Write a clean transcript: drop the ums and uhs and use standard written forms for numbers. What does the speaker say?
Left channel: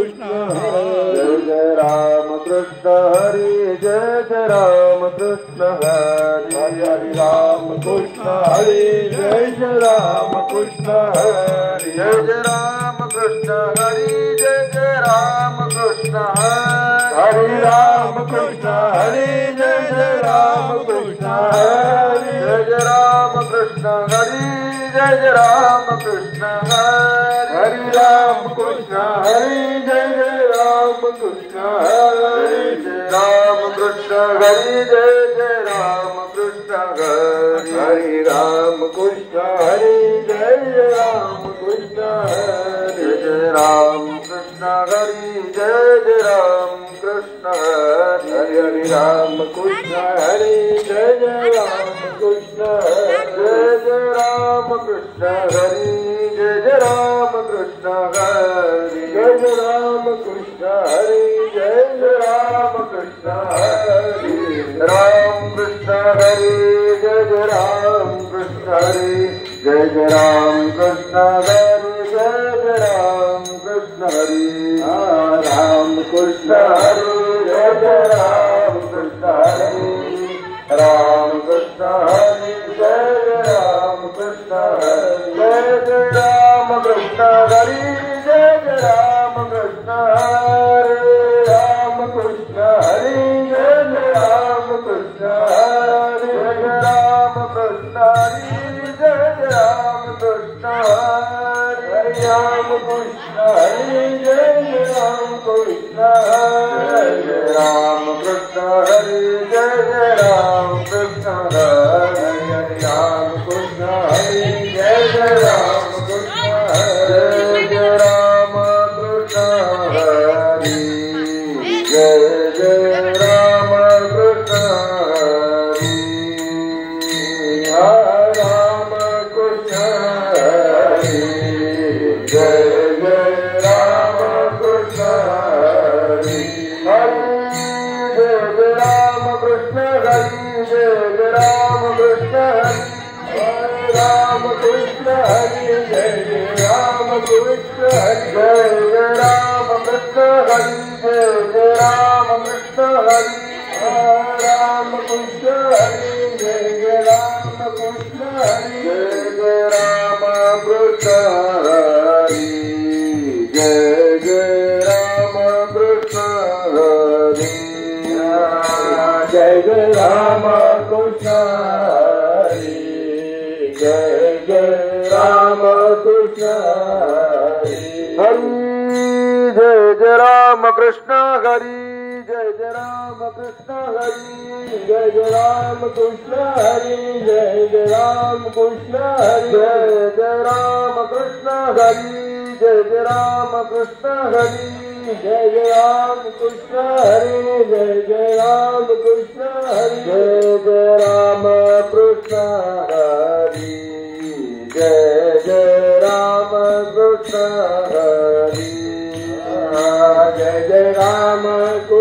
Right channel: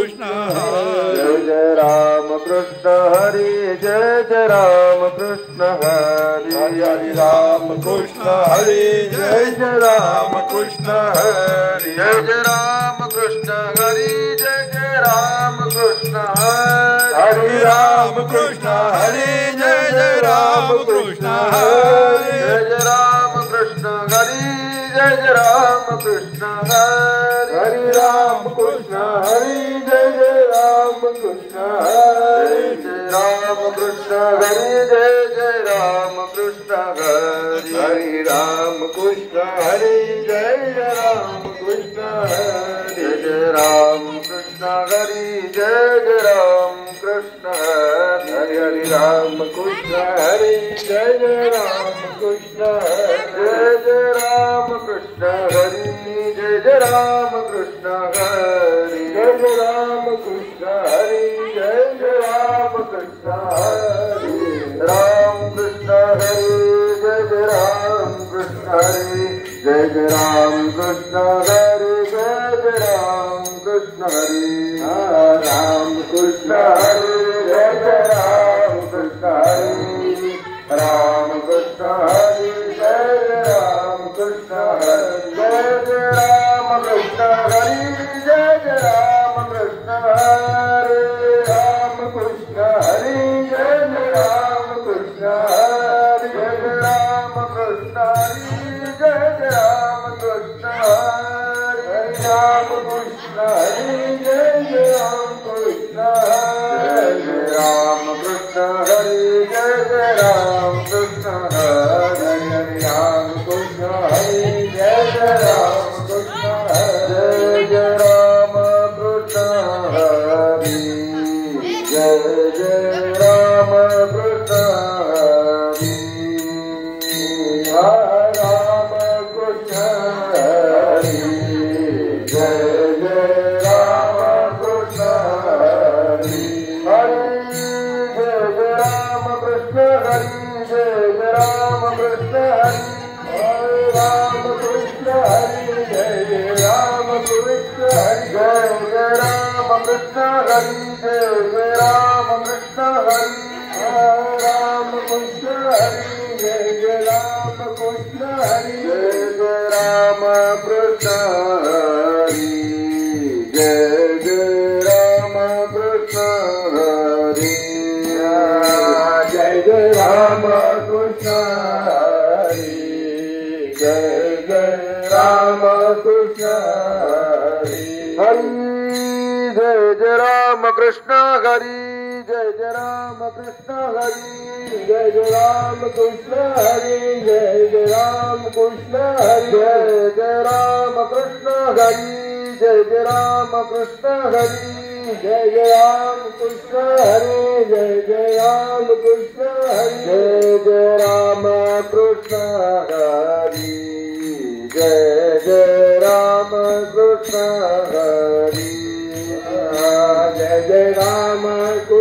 Krishna Jai Jai Ram Krishna Hari Jai Jai Ram Krishna Hari Hari Ram Krishna Hari Jai Jai Ram Krishna Hari Jai Jai Ram Krishna Hari Jai Jai Ram Krishna Hari Ram Krishna Hari Jai Jai Ram Krishna Hari Jai Jai Ram Krishna Hari Jai Jai Ram Krishna Hari Ram Krishna Hari Jai Jai Ram Krishna Hari Ram Krishna Hari Jai Jai Ram Krishna Hari Hari Ram Krishna Hari Jai Jai Ram Krishna Hari Jai Ram Krishna Hari Jai Jai Ram Krishna Hari Hari Ram Krishna Hari Jai Jai Ram Krishna Jai Jai Ram Krishna Hari Jai Jai Ram Krishna Hari Jai Jai Ram Krishna Hari Jai Jai Ram Krishna Hari Ram Krishna Hari Jai Jai Ram Krishna Hari Jai Jai Ram Krishna Hari Jai Jai Ram Krishna Hari Ram Krishna Hari Jai Jai Ram Krishna Hari Ram Krishna Hari Jai Jai Ram Krishna Hari Jai Jai Ram Krishna Hari Jai Jai Ram Krishna Hari Ram Krishna Hari Jai Jai Ram Krishna Hari Jai Jai Ram Krishna Hari Jai Jai Ram Krishna Hari Hari Ram Krishna Hari Jai Jai Ram Krishna Hari Ram Krishna Hari Jai Jai Ram Krishna Hari Hari Ram Krishna Hari Jai Jai Ram Krishna Hari Jai Ram Krishna Hari Jai Jai Ram Krishna Hari Ram Krishna Hari Jai Jai Ram Krishna Hari Hari Jai Jai Ram Krishna Hari Jai Jai Ram Krishna Hari Hare Ram Krishna Hari Jai Jai Ram Krishna Hari Jai Jai Ram Krishna Hari Jai Jai Ram Krishna Hari Ram Krishna Hari Jai Jai Ram Krishna Hari Jai Jai Ram Krishna Hari Jai Jai Ram Krishna Hari Jai Jai Ram Krishna Hari Jai Jai Ram Krishna Hari Hari Jai Jai Ram Krishna Hari Jai Jai Ram Krishna Hari Jai Jai Ram Krishna Hari Jai Jai Ram Krishna Hari Jai Jai Ram Krishna Hari Jai Jai Ram Krishna Hari Jai Jai Ram Krishna Hari Jai Jai Ram Krishna Hari Jai Jai Ram Krishna Hari Jai Jai Ram Krishna Hari Jai Jai Ram Krishna